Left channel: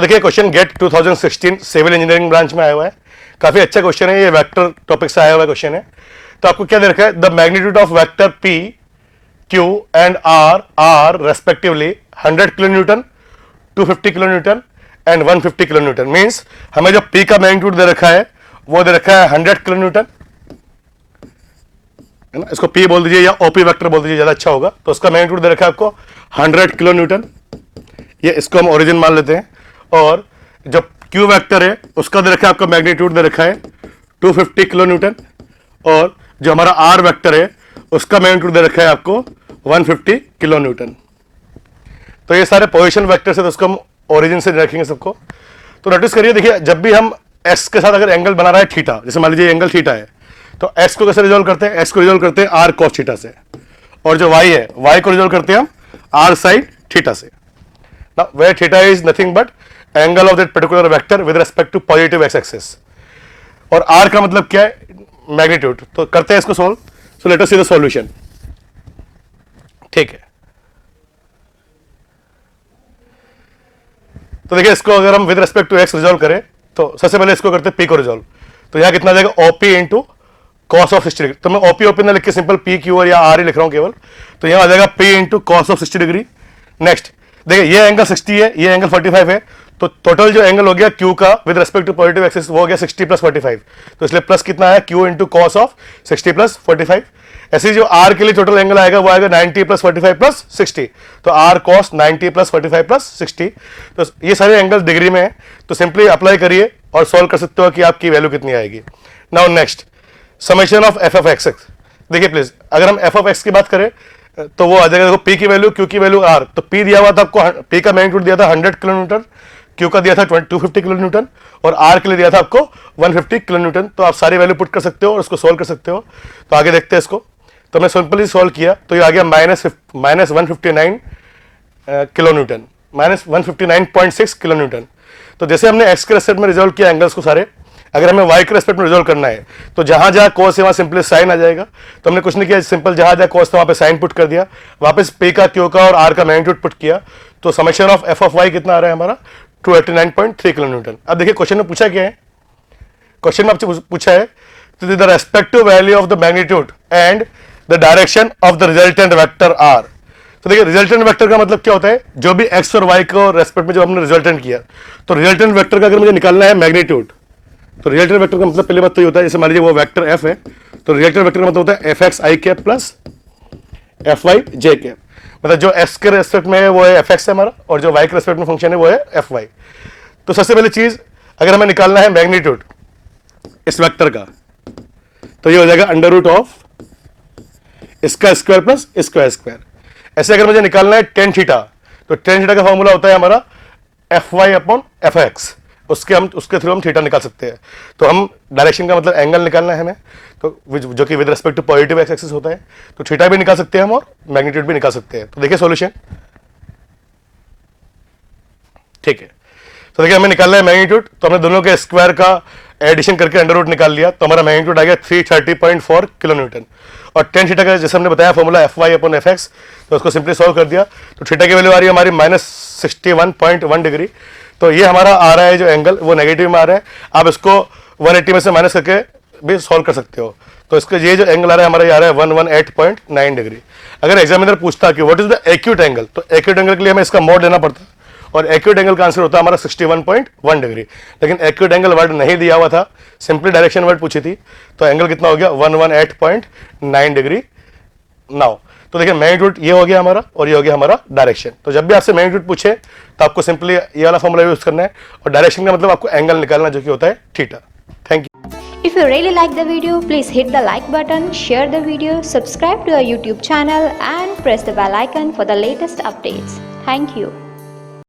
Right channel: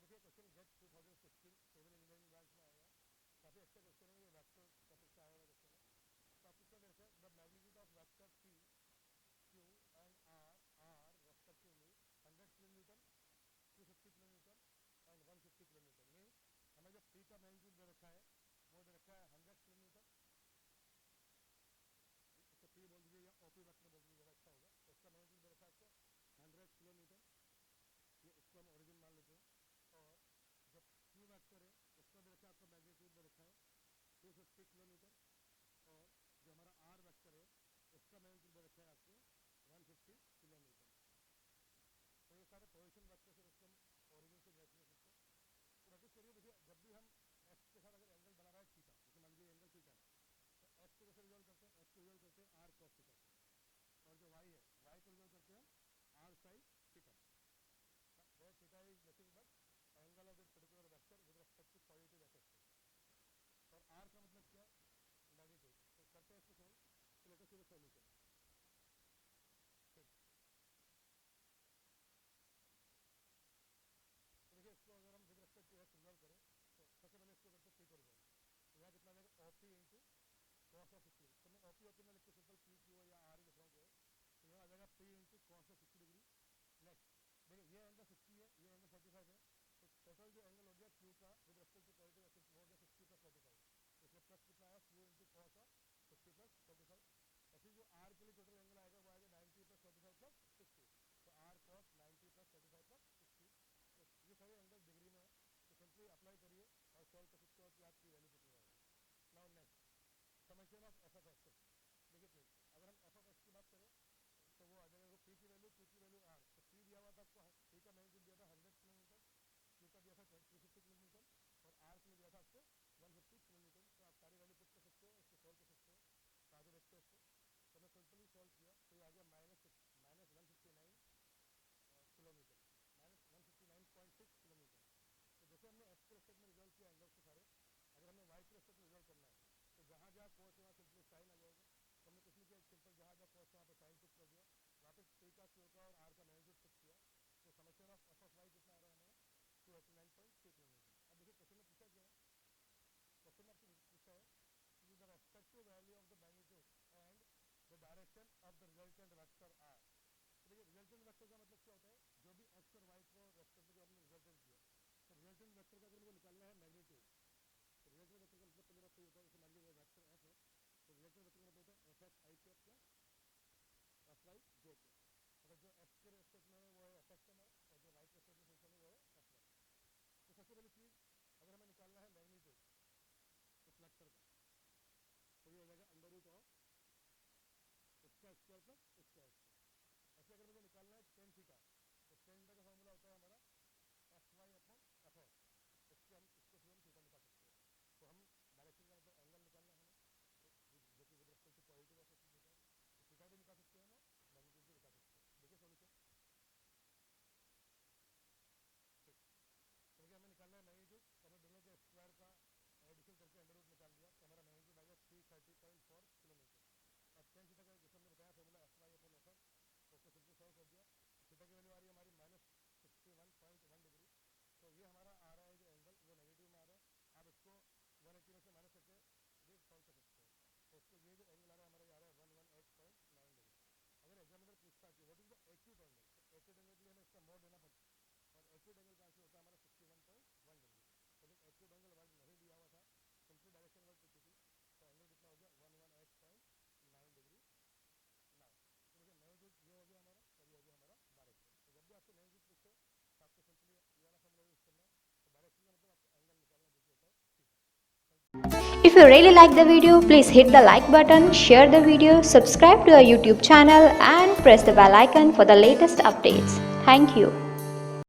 तो देखिए question GATE 2016 civil engineering branch में आया हुआ है, काफी अच्छा क्वेश्चन है, ये वेक्टर टॉपिक से आया हुआ क्वेश्चन है। तो आपको क्या दे रखा है, the magnitude of vector P Q and R are respectively 100 kilo newton, 250 kilo newton and 150 kilo newton. Means हमें जो पी का मैग्नीट्यूड दे रखा है वो दे रखा है 100 किलो न्यूटन, है ना, इसको पी बोल दीजिए या ओपी वेक्टर बोल दीजिए, ज्यादा अच्छा होगा। तो उसका मैग्नीट्यूड दे रखा है आपको 100 किलो न्यूटन, ये इसको हम ओरिजिन मान लेते हैं। और जो क्यू वेक्टर है उसका दे रखा है आपका मैग्नीट्यूड दे रखा है 250 किलो न्यूटन, और जो हमारा आर वेक्टर है उसका मैग्नीट्यूड दे रखा है आपको 150 किलो न्यूटन। तो ये सारे पोजीशन वेक्टर्स है, तो उसको हम ओरिजिन से रखेंगे सबको। तो नोटिस करिए, देखिए जब भी हम एस के साथ अगर एंगल बना रहा है थीटा, जैसे मान लीजिए एंगल थीटा है, तो एस को कैसे रिजोल्व करते हैं, एस को रिजोल्व करते हैं आर कॉस थीटा से, और जो वाई है वाई को रिजोल्व करते हैं हम आर साइन थीटा से। Now, where theta is nothing but angle of that particular vector with respect to positive x axis, और r का मतलब क्या है, मैग्नीट्यूड। तो करते हैं इसको solve. So let us see the solution. ठीक है, तो देखिए इसको अगर हम with respect to x resolve करें, तो सबसे पहले इसको करते हैं p को रिजोल्व। तो यहां कितना आ जाएगा, OP into cos of 60 degree. तो मैं OP ना लिख के सिंपल p क्यू या r ही लिख रहा हूं केवल। तो यहां आ जाएगा p into cos of 60 degree. Next देखिए ये एंगल 60 है, ये एंगल 45 है, तो टोटल जो एंगल हो गया Q का with respect to positive axis वो हो गया 60 प्लस 45। तो इसलिए प्लस कितना है, Q into cos of 60 plus 45। ऐसे जो R के लिए टोटल एंगल आएगा वो आएगा 90 प्लस 45 प्लस 60। तो R कॉस 90 प्लस 45 प्लस 60। तो ये सारे एंगल डिग्री में है, तो सिंपली अप्लाई करिए और सॉल्व कर सकते हो कि आपकी वैल्यू कितनी आएगी। Now next summation of F of x. देखिए प्लीज, अगर हम एफ ऑफ एक्स की बात करें तो वो आ जाएगा, देखो पी की वैल्यू क्यू की वैल्यू आर। तो पी दिया हुआ था आपको, पी का मैग्नीट्यूड दिया था 100 किलो न्यूटन, क्यू का दिया था 250 किलो न्यूटन, और आर के लिए दिया था आपको 150 किलो न्यूटन। तो आप सारी वैल्यू पुट कर सकते हो और उसको सोल्व कर सकते हो। तो आगे देखते हैं इसको। तो मैं सिंपली सोल्व किया, तो ये आ गया minus 159 kilo Newton, minus 159.6 kilo Newton. तो जैसे हमने एक्स के रेस्पेक्ट में रिजोल्व किया एंगल्स को सारे, अगर हमें वाई के रेस्पेक्ट में रिजोल्व करना है तो जहां जहां कोस है वहां सिंपली साइन आ जाएगा। तो हमने कुछ नहीं किया, सिंपल जहां जहां कोस था वहां पे साइन पुट कर दिया, वापस पी का क्यू का और आर का मैग्नीट्यूड पुट किया। तो summation of F of y कितना आ रहा है हमारा, 289.3 किलो न्यूटन। अब देखिए क्वेश्चन में पूछा क्या है, क्वेश्चन में आपसे पूछा है the respective value of the magnitude and the direction of the resultant vector are. तो देखिए रिजल्टेंट वेक्टर का मतलब क्या होता है, जो भी एक्स और वाई को रेस्पेक्ट में जो हमने रिजल्टेंट किया, तो रिजल्टेंट वेक्टर का अगर मुझे निकालना है मैग्नीट्यूड, तो रिजल्टेंट वेक्टर का मतलब पहले बात तो ये होता है, जैसे मान लीजिए वो वेक्टर एफ है, तो रिजल्टेंट वेक्टर का मतलब होता है एफ एक्स आई कैप प्लस एफ वाई जे कैप। मतलब जो एक्स के रेस्पेक्ट में है वो है एफ एक्स है हमारा, और जो वाई के रेस्पेक्ट में फंक्शन है वो है एफ वाई। तो सबसे पहली चीज अगर हमें निकालना है मैग्नीट्यूड इस वेक्टर का, तो ये हो जाएगा अंडर रूट ऑफ इसका स्क्वायर प्लस इसका स्क्वायर। ऐसे अगर मुझे निकालना है टेन थीटा, तो टेन थीटा का फॉर्मूला होता है हमारा F y upon F x, उसके थ्रू हम थीटा निकाल सकते हैं। तो हम डायरेक्शन का मतलब एंगल निकालना है हमें, तो जो कि with respect to positive x axis होता है, तो थीटा भी निकाल सकते हैं हम और मैग्नीट्यूड भी निकाल सकते हैं। तो देखिए सॉल्यूशन, ठीक है। तो देखिए हमें निकालना है मैग्नीट्यूड, तो हमने दोनों के स्क्वायर का एडिशन करके अंडर रूट निकाल लिया, तो हमारा मैग्नीट्यूड आ गया 330.4 किलो न्यूटन। और टेन थीटा का जैसे हमने बताया formula F y upon F x, तो उसको सिंपली सॉल्व कर दिया, तो थीटा की वैल्यू आ रही है हमारी माइनस 61.1 डिग्री। तो ये हमारा आ रहा है जो एंगल वो नेगेटिव में आ रहा है। आप इसको 180 में से माइनस करके भी सॉल्व कर सकते हो। तो इसका ये जो एंगल आ रहा है हमारा, ये आ रहा है 118.9 डिग्री। अगर एग्जामिनर पूछता कि what is the acute angle, तो एक्यूट एंगल के लिए हमें इसका मोड लेना पड़ता, और एक्यूट एंगल का आंसर होता है हमारा 61.1 डिग्री। लेकिन एक्यूट एंगल वर्ड नहीं दिया हुआ था, सिंपली डायरेक्शन वर्ड पूछी थी, तो एंगल कितना हो गया 118.9 डिग्री। नाउ तो देखिए मैग्नीट्यूड ये हो गया हमारा, और ये हो गया हमारा डायरेक्शन। तो जब भी आपसे मैग्नीट्यूड पूछे तो आपको सिंपली ये वाला फॉर्मूला यूज करना है, और डायरेक्शन का मतलब आपको एंगल निकालना जो कि होता है theta. Thank you. If you really like the video, please hit the like button, share the video, subscribe to our YouTube channel and press the bell icon for the latest updates. Thank you.